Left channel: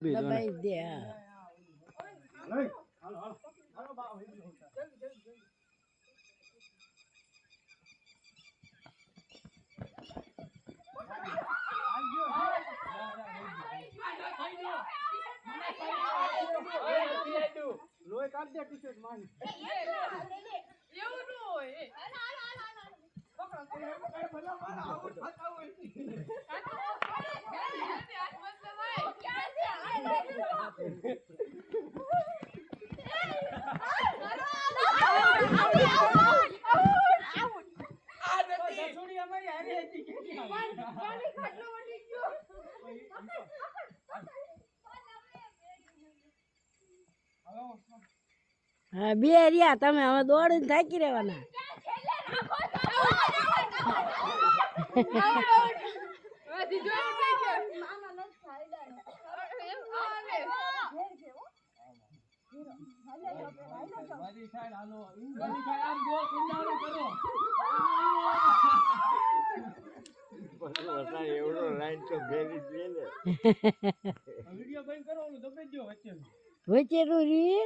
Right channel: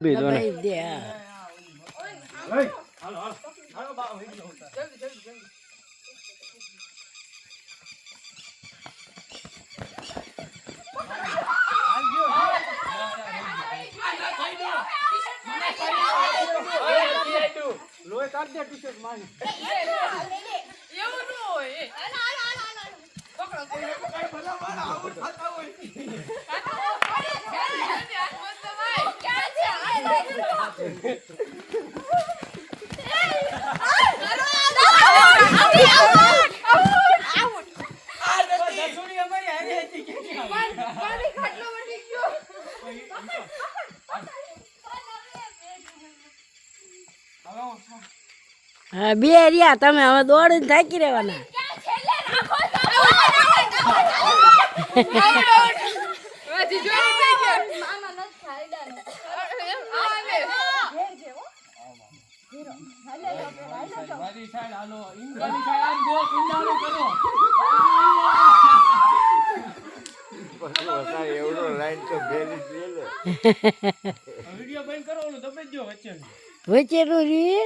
દબાઈ દે લોહી કાઢ દે ટી-શર્ટ મારી એવું ન હોય પકડો હા બે રહ્યા તમે હવે દોડીને થાકી રહેવાના વિડિયો બંધ કરો ઓલું દબાઈ દો વચ્ચે વચ્ચેનું રીએ